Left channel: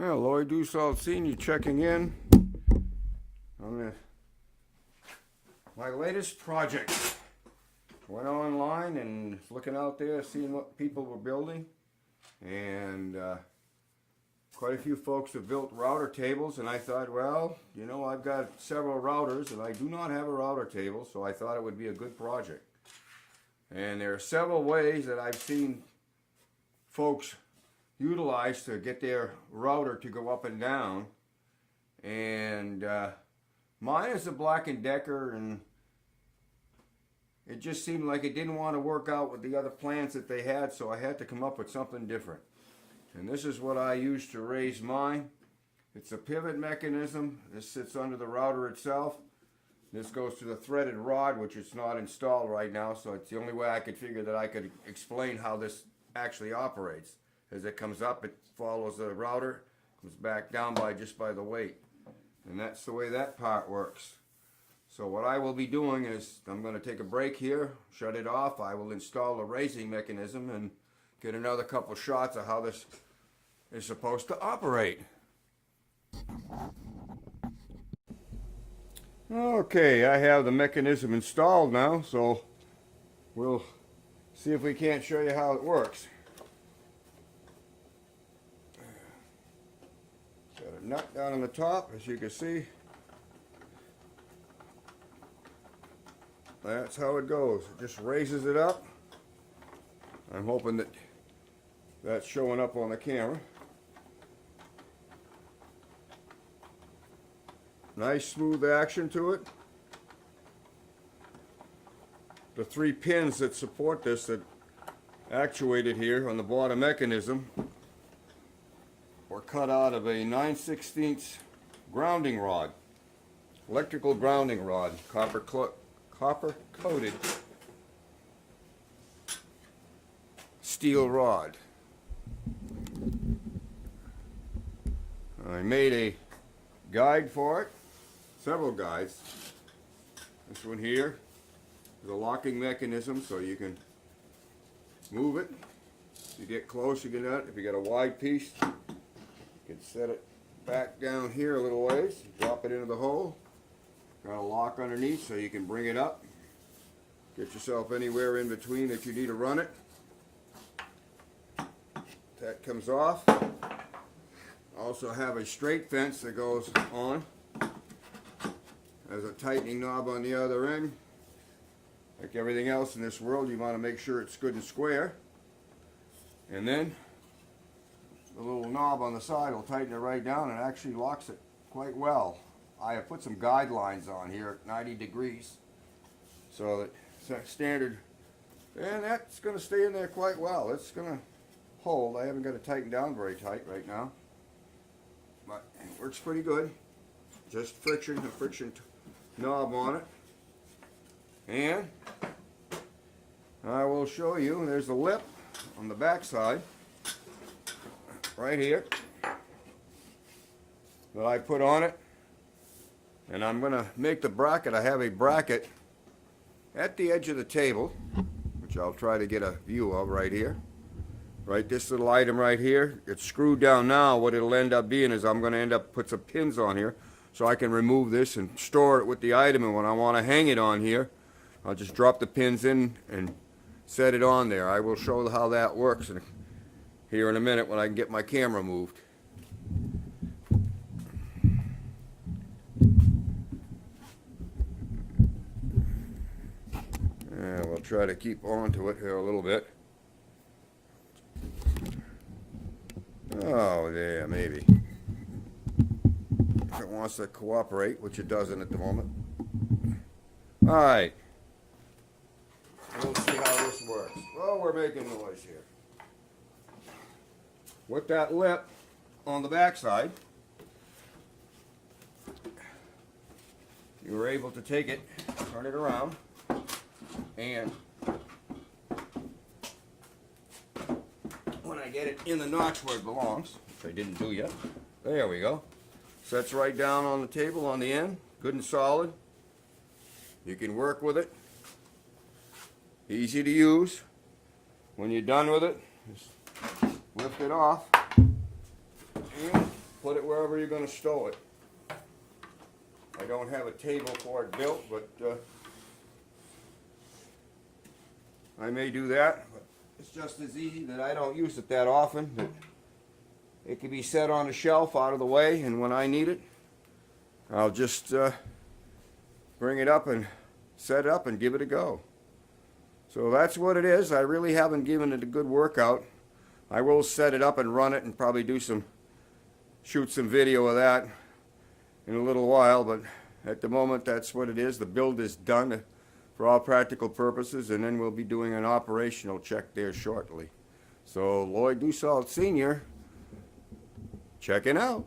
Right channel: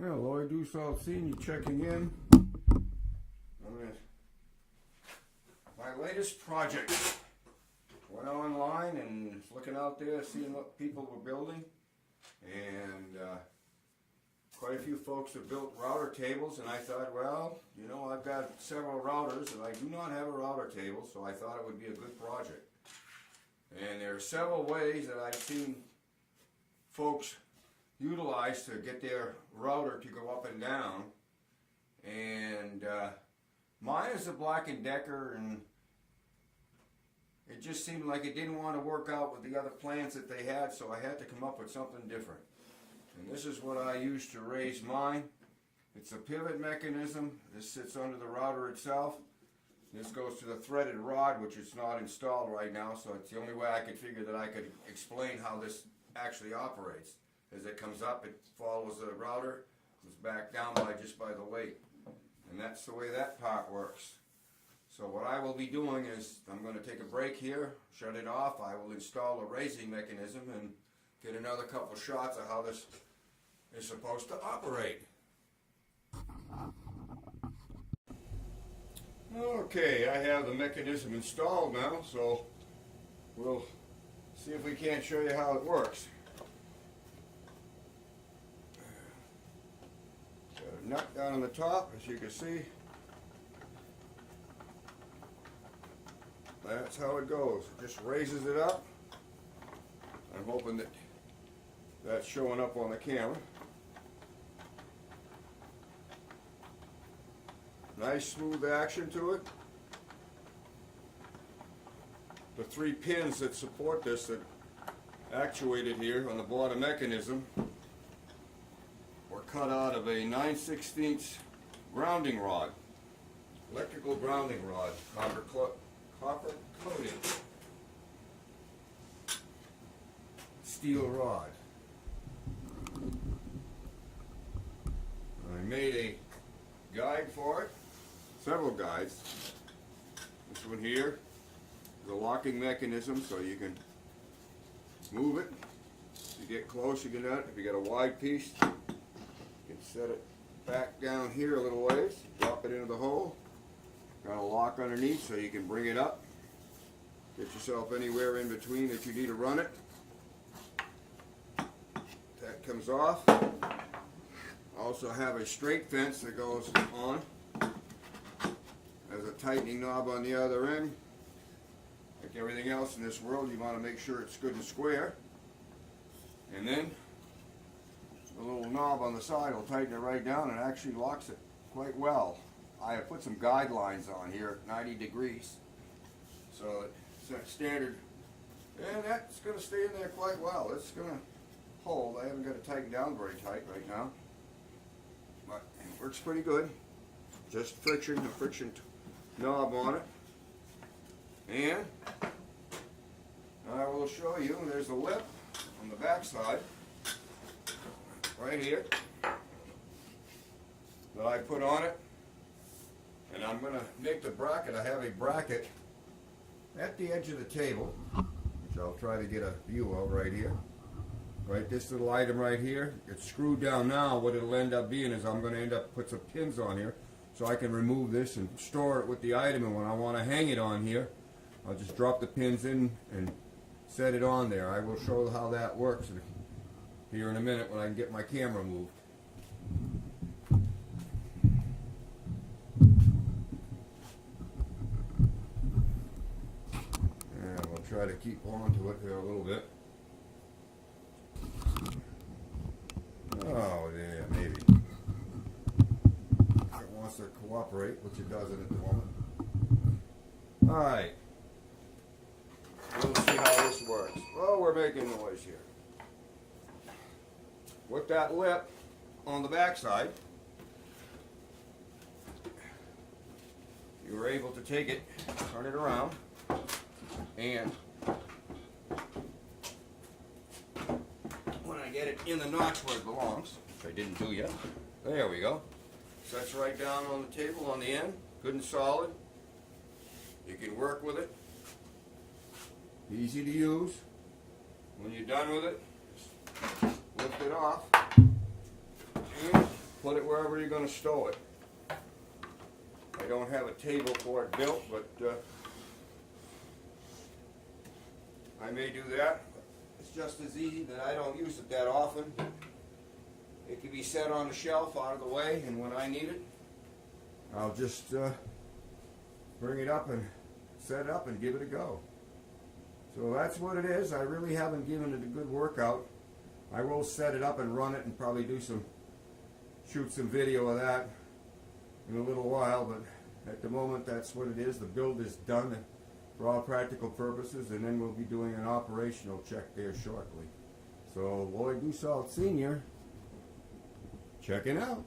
Well, Lloyd Dussault Sr. checking in on my latest project. Went online and was looking out there, seeing what people were building, and quite a few folks have built router tables, and I thought, well, you know, I've got several routers and I do not have a router table, so I thought it would be a good project. And there are several ways that I've seen folks utilize to get their router to go up and down, and mine is a Black & Decker, and it just seemed like it didn't want to work out with the other plans that they had, so I had to come up with something different. And this is what I used to raise mine. It's a pivot mechanism. This sits under the router itself. This goes to the threaded rod, which is not installed right now, so it's the only way I could figure that I could explain how this actually operates. As it comes up, it follows the router, comes back down just by the weight. And that's the way that part works. So what I will be doing is, I'm going to take a break here, shut it off. I will install a raising mechanism and get another couple shots of how this is supposed to operate. Okay, I have the mechanism installed now, so we'll see if we can't show you how it works. Got a nut down on the top, as you can see. That's how it goes. It just raises it up. I'm hoping that that's showing up on the camera. Nice smooth action to it. The 3 pins that support this, that actuate it here on the bottom mechanism, were cut out of a 9/16 grounding rod, electrical grounding rod, copper coated steel rod. I made a guide for it, several guides. This one here is a locking mechanism, so you can move it. If you get close, you get out. If you got a wide piece, you can set it back down here a little ways, drop it into the hole. Got a lock underneath so you can bring it up. Get yourself anywhere in between that you need to run it. That comes off. Also have a straight fence that goes on. There's a tightening knob on the other end. Like everything else in this world, you want to make sure it's good and square. And then the little knob on the side will tighten it right down and actually locks it quite well. I have put some guidelines on here at 90 degrees, so it's standard, and that's going to stay in there quite well. It's going to hold. I haven't got it tightened down very tight right now, but it works pretty good. Just friction, a friction knob on it, and I will show you. There's a lip on the back side, right here, that I put on it. And I'm going to make the bracket. I have a bracket at the edge of the table, which I'll try to get a view of right here. Right, this little item right here, it's screwed down now. What it'll end up being is I'm going to end up put some pins on here so I can remove this and store it with the item. And when I want to hang it on here, I'll just drop the pins in and set it on there. I will show how that works here in a minute when I can get my camera moved. We'll try to keep on to it here a little bit. Oh, yeah, maybe. If it wants to cooperate, which it doesn't at the moment. Alright. We'll see how this works. Well, we're making noise here. With that lip on the back side, you were able to take it, turn it around, and when I get it in the notch where it belongs, which I didn't do yet, there we go. Sets right down on the table on the end, good and solid. You can work with it. Easy to use. When you're done with it, just lift it off and put it wherever you're going to stow it. I don't have a table for it built, but I may do that. It's just as easy that I don't use it that often. That it can be set on the shelf out of the way, and when I need it, I'll just bring it up and set it up and give it a go. So that's what it is. I really haven't given it a good workout. I will set it up and run it and probably shoot some video of that in a little while, but at the moment that's what it is. The build is done for all practical purposes, and then we'll be doing an operational check there shortly. So Lloyd Dussault Sr. checking out.